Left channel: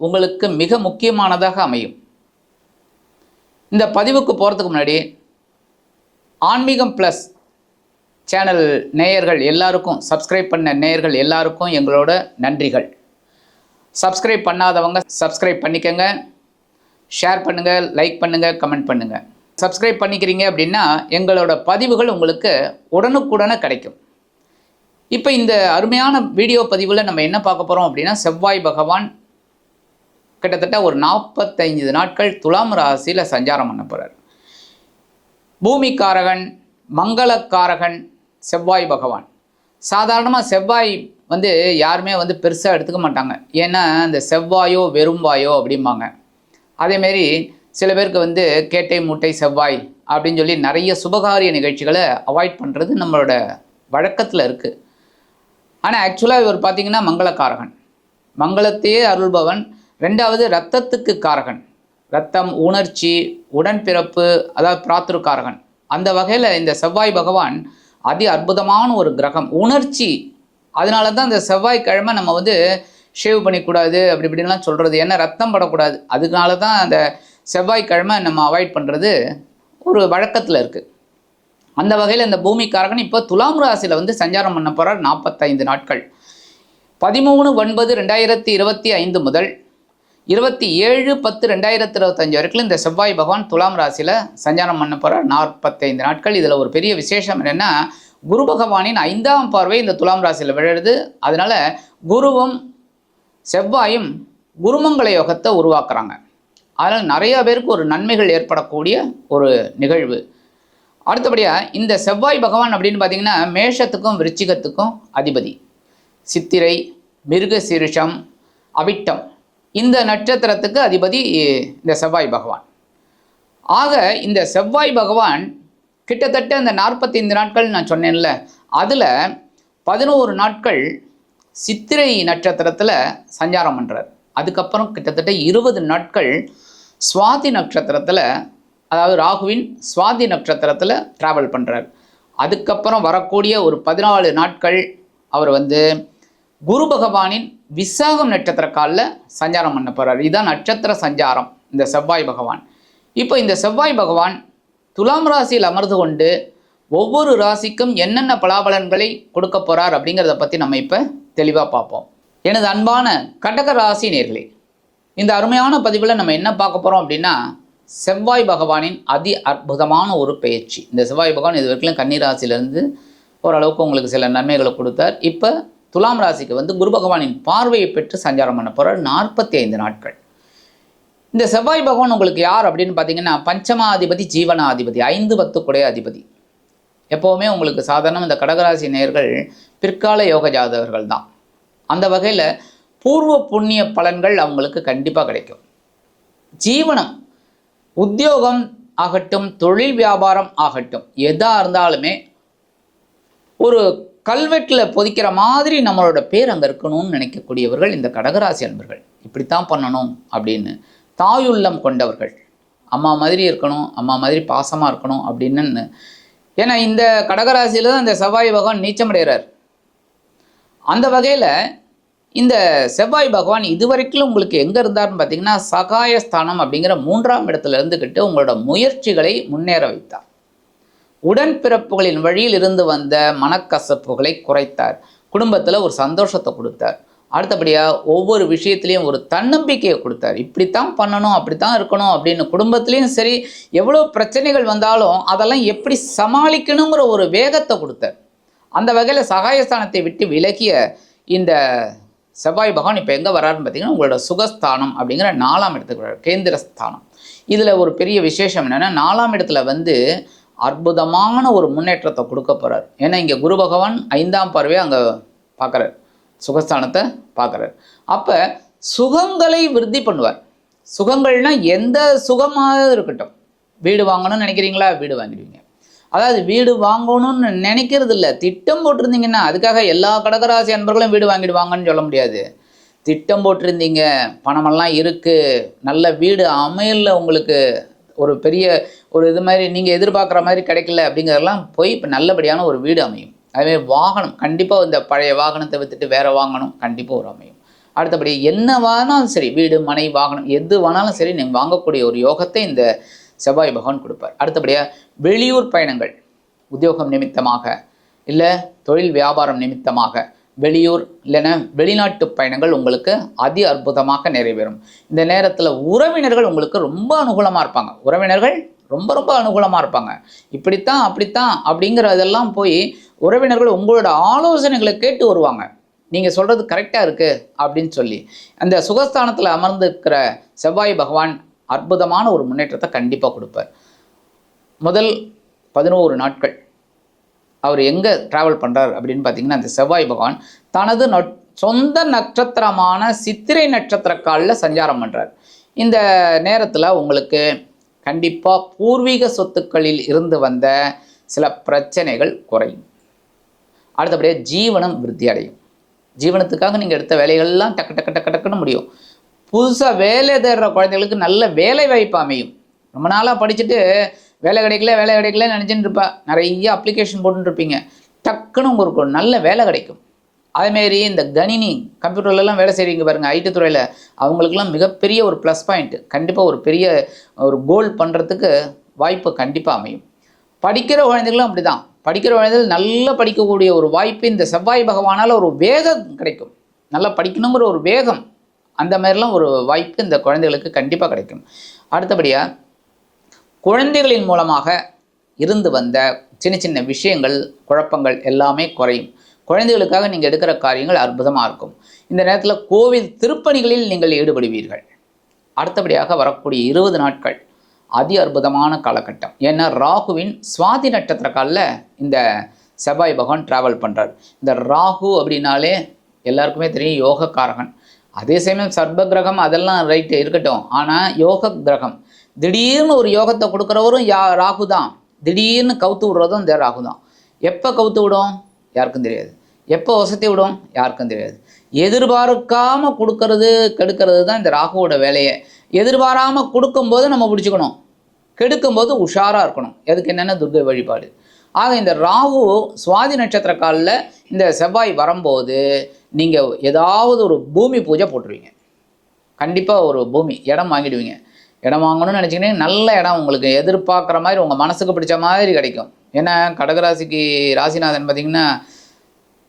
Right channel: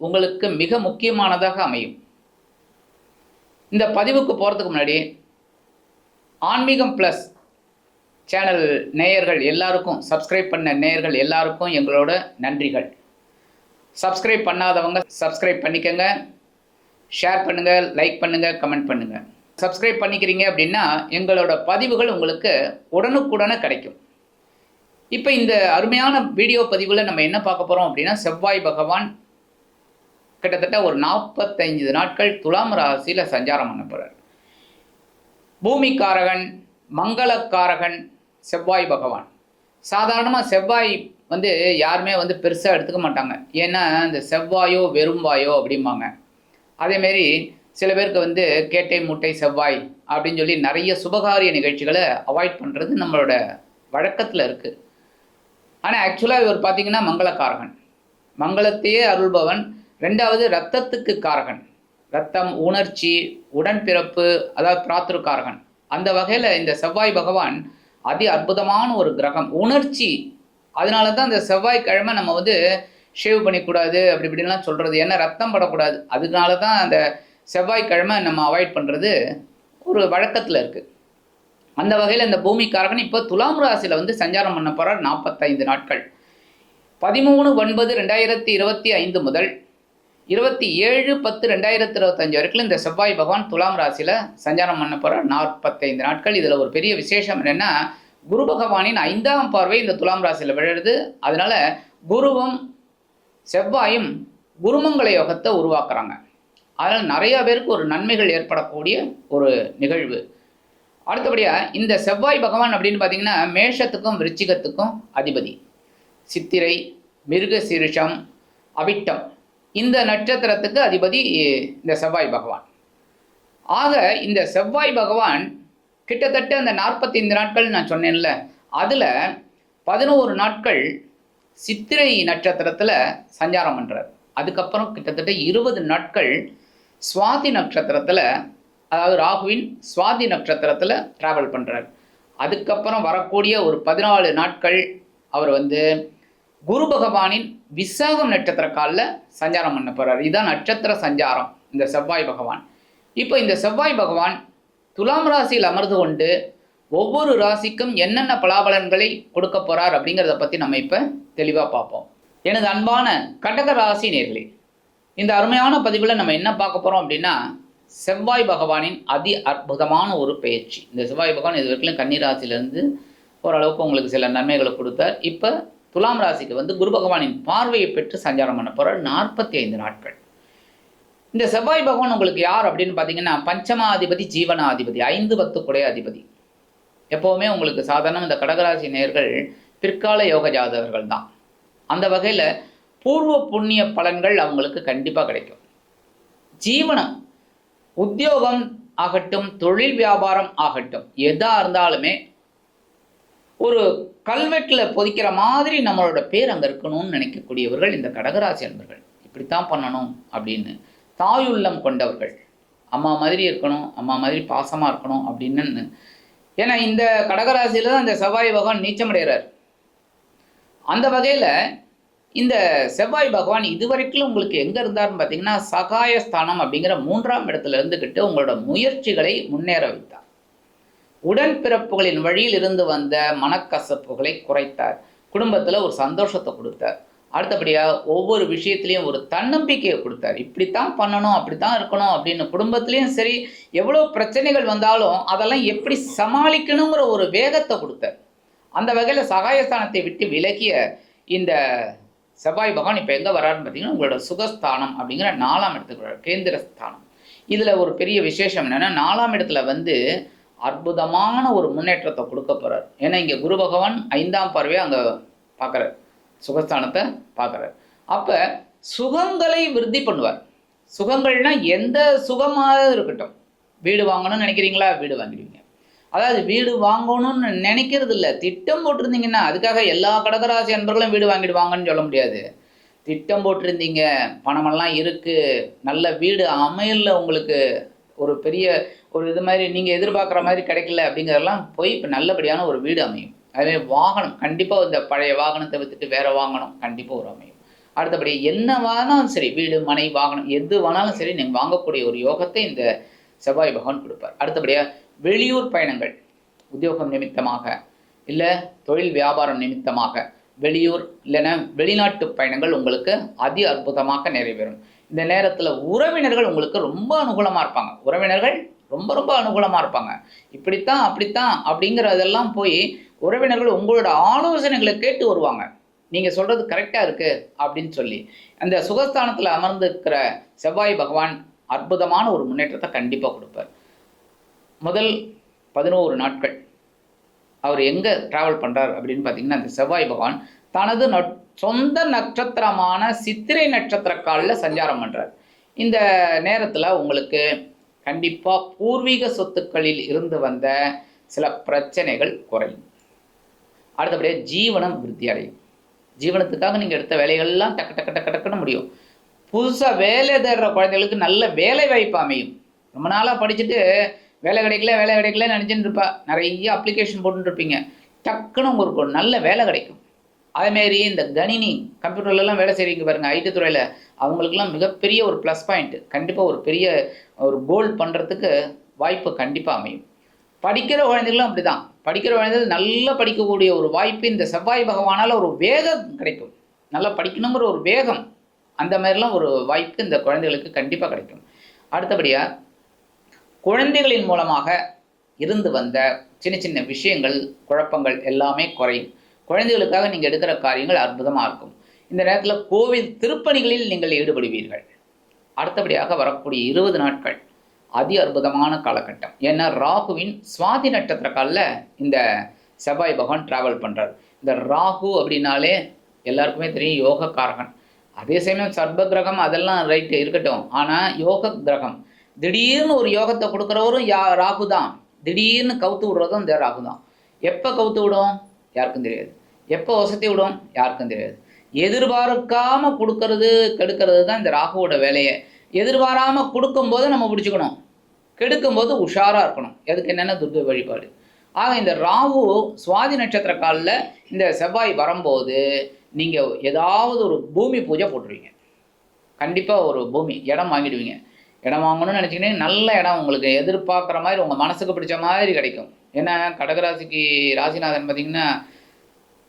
உங்களுக்கு மிக முக்கியமானதாக அமையும். இந்த பதிவுக்கு போகிறதுக்கு முன்னாடி ஆன்மீகம் ப்ளஸ் சேனல் நேயர்கள் எல்லாருக்கும் சப்ஸ்கிரைப் பண்ண நேயர்கள் எல்லாருக்கும் எங்களோட நன்றிகள். சப்ஸ்கிரைப் பண்ணாதவங்க சப்ஸ்கிரைப் பண்ணிக்கங்க. ஷேர் பண்ணுங்கள் லைக் பண்ணுங்கள் கமெண்ட் பண்ணுங்கள் சப்ஸ்கிரைப் பண்ணிக்கிறீங்க அப்படின்னா எங்களோட பதிவுகள் உங்களுக்கு உடனுக்குடனே கிடைக்கும். இப்போ இந்த அருமையான வீடியோ பதிவில் நம்ம என்ன பார்க்க போகிறோம் அப்படின்னா செவ்வாய் பகவான் கிட்டத்தட்ட ஒரு நாற்பத்தைந்து நாட்கள் துலாம் ராசியில் சஞ்சாரம் பண்ண போகிறார் பூமிக்காரகன் மங்களக்காரகன் செவ்வாய் பகவான். சாதாரணமாக செவ்வாய் வந்து யாருமே வந்து பெருசாக எடுத்துக்க மாட்டாங்க. ஏன்னா இந்த செவ்வாயோ வெறும்பாயோ அப்படிம்பாங்க. அதேமாரி சில பேருக்கு வந்து கேட்டை மூட்டை செவ்வாய் அப்படின்னு சொல்லி நிறைய சுபகாரிய நிகழ்ச்சிகளை அவாய்ட் பண்ணுறது நம்மளோட வழக்கத்தில் இருக்குது ஆனால் ஆக்சுவலாக இவர் பார்த்தீங்கன்னா மங்களக்காரகன். மங்களத்தையே அருள்பவன். ரெண்டாவது ரத்தத்துக்கு காரகன். ரத்தம் உணர்ச்சி உடன்பிறப்பு அதாவது பிராத்திருக்காரகன். அந்த வகையில் இந்த செவ்வாய் பகவான் அதி அற்புதமான ஒரு கிரகம். உணர்ச்சி. அதனால தான் இந்த செவ்வாய்க்கிழமை நம்ம வந்து ஷேவ் பண்ணிக்கூடாது அப்படி இப்படின்லாம் சொல்கிறது ஏன்னா ரத்தம் படக்கூடாது. அதனால தான் அந்த செவ்வாய்க்கிழமை நம்ம அவாய்ட் பண்ணுறது ஒரு வழக்கத்தில் இருக்குது அந்த வகையில் இந்த பூமிக்காரகன் இப்போ துலாம் ராசியில் வந்து சஞ்சாரம் பண்ண போகிறார் நாற்பத்தைந்து நாட்கள். பதிமூணு ஒன்பது ரெண்டாயிரத்தி இருபத்தி ஐந்து முதல் இருபத்தி ஏழு பத்து ரெண்டாயிரத்தி இருபத்தஞ்சு வரைக்கும் இந்த செவ்வாய் பகவான் துலாம் ராசியில் சஞ்சாரம் பண்ண போகிற நாற்பத்தைந்து நாட்கள். இதில் ஒரு பெரிய விசேஷம் என்னென்னா குரு பகவானின் ஐந்தாம் பார்வை இந்த துலாம் ராசியில் விழுது அதனால் குருவும் செவ்வாயும் குருமங்கள யோகத்தை உருவாக்குறாங்க. அதனால் நிறையா பேருக்கு ஒரு நன்மைகள் ஏற்படக்கூடிய ஒரு நிகழ்வு. அடுத்தபடியாக இந்த செவ்வாய் பகவான் அப்படின்னு பார்த்தீங்கன்னா மேஷத்துக்கும் விருச்சிகத்துக்கும் அதிபதி. சித்திரை மிருக சீரிஷம் அவிட்டம். இந்த நட்சத்திரத்துக்கு அதிபதி இந்த செவ்வாய் பகவான். ஆக இந்த செவ்வாய் பகவான் கிட்டத்தட்ட இந்த நாற்பத்தைந்து நாட்கள் நான் சொன்னேன்ல அதில் பதினோரு நாட்கள் சித்திரை நட்சத்திரத்தில் சஞ்சாரம் பண்ணுறார் அதுக்கப்புறம் கிட்டத்தட்ட இருபது நாட்கள் சுவாதி நட்சத்திரத்தில் அதாவது ராகுவின் சுவாதி நட்சத்திரத்தில் ட்ராவல் பண்ணுறார் அதுக்கப்புறம் வரக்கூடிய ஒரு பதினாலு நாட்கள் அவர் வந்து குரு பகவானின் விசாகம் நட்சத்திர காலில் சஞ்சாரம் பண்ண போகிறார் இதுதான் நட்சத்திர சஞ்சாரம் இந்த செவ்வாய் பகவான். இப்போ இந்த செவ்வாய் பகவான் துலாம் ராசியில் அமர்ந்து கொண்டு ஒவ்வொரு ராசிக்கும் என்னென்ன பலாபலன்களை கொடுக்க போகிறார் அப்படிங்கிறத பற்றி நம்ம இப்போ தெளிவாக பார்ப்போம். எனது அன்பான கடக ராசி நேர்களே இந்த அருமையான பதிவில் நம்ம என்ன பார்க்க போகிறோம் அப்படின்னா செவ்வாய் பகவானின் அதி அற்புதமான ஒரு பயிற்சி இந்த செவ்வாய் பகவான் இது வரைக்கும் கன்னிராசிலேருந்து ஓரளவுக்கு உங்களுக்கு சில நன்மைகளை கொடுத்தார். இப்போ துலாம் ராசிக்கு வந்து குரு பகவானின் பார்வையை பெற்று சஞ்சாரம் பண்ண போகிற நாற்பத்தி ஐந்து நாட்கள். இந்த செவ்வாய் பகவான் உங்களுக்கு யார் அப்படின்னு பார்த்தீங்கன்னா பஞ்சமாதிபதி ஜீவனாதிபதி ஐந்து பத்துக்குடைய அதிபதி. எப்போவுமே உங்களுக்கு சாதாரண இந்த கடகராசி நேர்கள் பிற்கால யோக ஜாதகர்கள் தான். அந்த வகையில் பூர்வ புண்ணிய பலன்கள் அவங்களுக்கு கண்டிப்பாக கிடைக்கும். ஜீவனம் உத்தியோகம் ஆகட்டும் தொழில் வியாபாரம் ஆகட்டும் எதாக இருந்தாலுமே ஒரு கல்வெட்டில் பொதிக்கிற மாதிரி நம்மளோட பேர் அங்கே இருக்கணும்னு நினைக்கக்கூடியவர்கள் இந்த கடகராசி அன்பர்கள். இப்படித்தான் பண்ணணும் அப்படின்னு தாயுள்ளம் கொண்டவர்கள். அம்மா மாதிரி இருக்கணும் அம்மா மாதிரி பாசமாக இருக்கணும் அப்படின்னு. ஏன்னா இந்த கடகராசியில் தான் இந்த செவ்வாய் பகவான் நீச்சமடைகிறார் அந்த வகையில் இந்த செவ்வாய் பகவான் இதுவரைக்கும் உங்களுக்கு எங்கே இருந்தார்னு பார்த்தீங்கன்னா சகாயஸ்தானம் அப்படிங்கிற மூன்றாம் இடத்துல இருந்துக்கிட்டு உங்களோட முயற்சிகளை முன்னேற வைத்தார். உடன்பிறப்புகளின் வழியில் இருந்து வந்த மனக்கசப்புகளை குறைத்தார். குடும்பத்தில் ஒரு சந்தோஷத்தை கொடுத்தார். அடுத்தபடியாக ஒவ்வொரு விஷயத்துலேயும் ஒரு தன்னம்பிக்கையை கொடுத்தார். இப்படித்தான் பண்ணணும் அப்படித்தான் இருக்கணும் அப்படின்னு குடும்பத்துலேயும் சரி எவ்வளோ பிரச்சனைகள் வந்தாலும் அதெல்லாம் எப்படி சமாளிக்கணுங்கிற ஒரு வேகத்தை கொடுத்தார். அந்த வகையில் சகாயஸ்தானத்தை விட்டு விலகிய இந்த செவ்வாய் பகவான் இப்போ எங்கே வராருன்னு பார்த்தீங்கன்னா உங்களோட சுகஸ்தானம் அப்படிங்கிற நாலாம் இடத்துக்கு வர்றார். கேந்திர ஸ்தானம் இதில் ஒரு பெரிய விசேஷம் என்னென்னா நாலாம் இடத்துல வந்து அற்புதமான ஒரு முன்னேற்றத்தை கொடுக்க போகிறார் ஏன்னா இங்கே குரு பகவான் ஐந்தாம் பார்வையை அங்கே பார்க்குறார். சுகஸ்தானத்தை பார்க்குறார். அப்போ சுகங்களை விருத்தி பண்ணுவார். சுகங்கள்னா எந்த சுகமாக இருக்கட்டும். வீடு வாங்கணும்னு நினைக்கிறீங்களா? வீடு வாங்கிடுவீங்க. அதாவது வீடு வாங்கணும்னு நினைக்கிறது இல்லை திட்டம் போட்டிருந்தீங்கன்னா அதுக்காக எல்லா கடகராசி அன்பர்களும் வீடு வாங்கிடுவாங்கன்னு சொல்ல முடியாது. திட்டம் போட்டிருந்தீங்க. பணமெல்லாம் இருக்குது நல்ல வீடு அமையல உங்களுக்கு. ஒரு பெரிய ஒரு இது மாதிரி நீங்கள் எதிர்பார்க்குற மாதிரி கிடைக்கல அப்படிங்கிறதெல்லாம் போய் இப்போ நல்லபடியான ஒரு வீடு அமையும். அதுவே வாகனம் கண்டிப்பாக இந்த பழைய வாகனத்தை விற்றுட்டு வேறு வாங்கணும் கண்டிப்பாக ஒரு அமையும். அடுத்தபடி என்ன வேணாலும் சரி வீடு மனை வாகனம் எது வேணாலும் சரி நீங்கள் வாங்கக்கூடிய ஒரு யோகத்தை இந்த செவ்வாய் பகவான் கொடுப்பார். அடுத்தபடியாக வெளியூர் பயணங்கள் உத்தியோகம் நிமித்தமாக இல்லை தொழில் வியாபாரம் நிமித்தமாக வெளியூர் இல்லைன்னா வெளிநாட்டு பயணங்கள் உங்களுக்கு அதி அற்புதமாக நிறைவேறும். இந்த நேரத்தில் உறவினர்கள் உங்களுக்கு ரொம்ப அனுகூலமாக இருப்பாங்க. உறவினர்கள் ரொம்ப ரொம்ப அனுகூலமாக இருப்பாங்க. இப்படித்தான் அப்படித்தான் அப்படிங்கிறதெல்லாம் போய் உறவினர்கள் உங்களோட ஆலோசனைகளை கேட்டு வருவாங்க. நீங்கள் சொல்கிறது கரெக்டாக இருக்குது அப்படின்னு சொல்லி. அந்த சுகஸ்தானத்தில் அமர்ந்திருக்கிற செவ்வாய் பகவான் அற்புதமான ஒரு முன்னேற்றத்தை கண்டிப்பாக கொடுப்பார். முதல் பதினோரு நாட்கள். அவர் எங்கே ட்ராவல் பண்ணுறார் அப்படின்னு பார்த்தீங்கன்னா அந்த செவ்வாய் பகவான் தனது நட் சொந்த நட்சத்திரமான சித்திரை நட்சத்திர காலில் சஞ்சாரம் பண்ணுறார் இந்த நேரத்தில் உங்களுக்கு கண்டிப்பாக பூர்வீக சொத்துக்களில் இருந்து வந்த சில பிரச்சனைகள் குறையும். அடுத்தபடியாக ஜீவனம் விருத்தி அடையும். ஜீவனத்துக்காக நீங்கள் எடுத்த வேலைகள்லாம் டக்கு டக்கு டக்கு டக்குன்னு முடியும். புதுசாக வேலை தேடுற குழந்தைகளுக்கு நல்ல வேலை வாய்ப்பு அமையும். ரொம்ப நாளாக படிச்சுட்டு வேலை கிடைக்கல வேலை கிடைக்கல நினச்சின்னு இருப்பா. நிறைய அப்ளிகேஷன் போட்டுருப்பீங்க இருப்பீங்க டக்குன்னு உங்களுக்கு ஒரு நல்ல வேலை கிடைக்கும். அதேமாரி இந்த கணினி கம்ப்யூட்டர்லலாம் வேலை செய்கிறீங்க பாருங்கள் ஐடி துறையில். அவங்களுக்குலாம் மிகப்பெரிய ஒரு ப்ளஸ் பாயிண்ட் கண்டிப்பாக ஒரு பெரிய ஒரு கோல் பண்ணுறதுக்கு வாய்ப்பு கண்டிப்பாக அமையும். படிக்கிற குழந்தைகளும் அப்படி தான் படிக்கிற குழந்தைகள் நல்லா படிக்கக்கூடிய ஒரு வாய்ப்பு இந்த செவ்வாய் பகவானால் ஒரு வேகம் கிடைக்கும். நல்லா படிக்கணுங்கிற ஒரு வேகம் அந்த மாதிரிலாம் ஒரு வாய்ப்பு இந்த குழந்தைகளுக்கு கண்டிப்பாக கிடைக்கும். அடுத்தபடியாக குழந்தைகளின் மூலமாக இருந்து வந்த சின்ன சின்ன விஷயங்கள் குழப்பங்கள் எல்லாமே குறையும். குழந்தைகளுக்காக நீங்கள் எடுக்கிற காரியங்கள் அற்புதமாக இருக்கும். இந்த நேரத்தில் கோவில் திருப்பணிகளில் நீங்கள் ஈடுபடுவீர்கள். அடுத்தபடியாக வரக்கூடிய இருபது நாட்கள் அதி அற்புதமான காலகட்டம். ஏன்னா ராகுவின் சுவாதி நட்சத்திர காலில் இந்த செவ்வாய் பகவான் ட்ராவல் பண்ணுறார் இந்த ராகு அப்படின்னாலே எல்லாருக்குமே தெரியும் யோக காரகன் அதே சமயம் சர்ப கிரகம் அதெல்லாம் ரைட்டு இருக்கட்டும். ஆனால் யோக கிரகம் திடீர்னு ஒரு யோகத்தை கொடுக்குறவரும் யா ராகு தான். திடீர்னு கவுத்து விடுறதும் இந்த ராகு தான். எப்போ கவுத்து விடும்? யாருக்கும் தெரியாது. எப்போ வசதி விடும்? யாருக்கும் தெரியாது. எதிர்பார்க்காமல் கொடுக்கறது கெடுக்கிறது தான் இந்த ராகுவோட வேலையை. எதிர்பாராமல் கொடுக்கும்போது நம்ம பிடிச்சிக்கணும். கெடுக்கும்போது உஷாராக இருக்கணும். எதுக்கு என்னென்ன துர்கை வழிபாடு. ஆக இந்த ராகு சுவாதி நட்சத்திர காலில் இந்த செவ்வாய் வரும்போது நீங்கள் ஏதாவது ஒரு பூமி பூஜை போட்டுருவீங்க. கண்டிப்பாக ஒரு பூமி இடம் வாங்கிடுவீங்க. இடம் வாங்கணும்னு நினச்சிங்கன்னா நல்ல இடம் உங்களுக்கு எதிர்பார்க்குற மாதிரி உங்கள் மனசுக்கு பிடிச்ச மாதிரி கிடைக்கும். ஏன்னா கடகராசிக்கு ராசிநாதன் பார்த்திங்கன்னா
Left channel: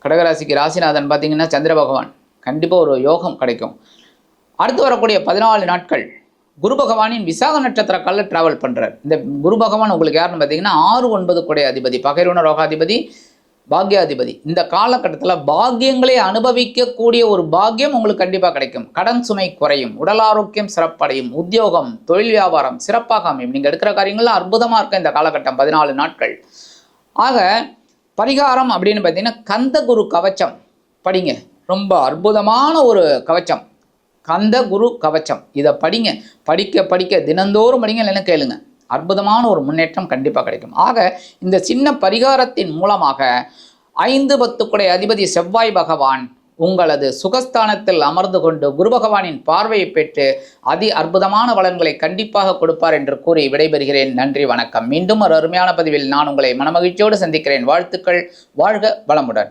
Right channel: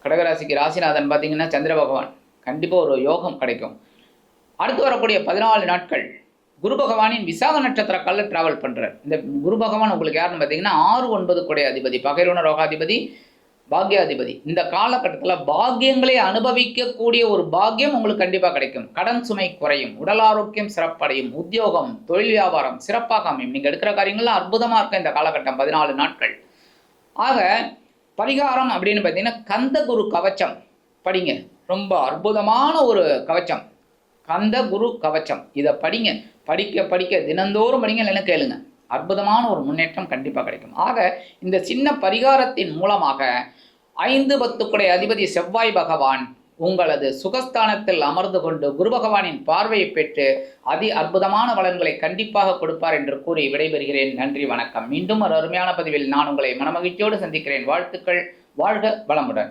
கடகராசிக்கு ராசிநாதன் பார்த்திங்கன்னா சந்திர பகவான் கண்டிப்பாக ஒரு யோகம் கிடைக்கும். அடுத்து வரக்கூடிய பதினாலு நாட்கள் குரு பகவானின் விசாக நட்சத்திர காலில் ட்ராவல் பண்ணுறார் இந்த குரு பகவான் உங்களுக்கு யாருன்னு பார்த்தீங்கன்னா ஆறு ஒன்பது கொடை அதிபதி பகைரூன ரோகாதிபதி பாக்யாதிபதி. இந்த காலகட்டத்தில் பாக்கியங்களை அனுபவிக்கக்கூடிய ஒரு பாக்கியம் உங்களுக்கு கண்டிப்பாக கிடைக்கும். கடன் சுமை குறையும் உடல் ஆரோக்கியம் சிறப்படையும் உத்தியோகம் தொழில் வியாபாரம் சிறப்பாக அமையும். நீங்கள் எடுக்கிற காரியங்கள்லாம் அற்புதமாக இருக்கும் இந்த காலகட்டம் பதினாலு நாட்கள். ஆக பரிகாரம் அப்படின்னு பார்த்தீங்கன்னா கந்த குரு கவச்சம். படிங்க. ரொம்ப அற்புதமான ஒரு கவச்சம். கந்த குரு கவச்சம். இதை படிங்க. படிக்க படிக்க தினந்தோறும் படிங்க இல்லைன்னு கேளுங்க. அற்புதமான ஒரு முன்னேற்றம் கண்டிப்பாக கிடைக்கும். ஆக இந்த சின்ன பரிகாரத்தின் மூலமாக ஐந்து பத்துக்குடைய அதிபதி செவ்வாய் பகவான் உங்களது சுகஸ்தானத்தில் அமர்ந்து கொண்டு குரு பகவானின் பார்வையை பெற்று அதி அற்புதமான வளங்களை கண்டிப்பாக கொடுப்பார் என்று கூறி விடைபெறுகிறேன். நன்றி வணக்கம். மீண்டும் ஒரு அருமையான பதிவில் நான் உங்களை மனமகிழ்ச்சியோடு சந்திக்கிறேன். வாழ்த்துக்கள். வாழ்க வளமுடன்.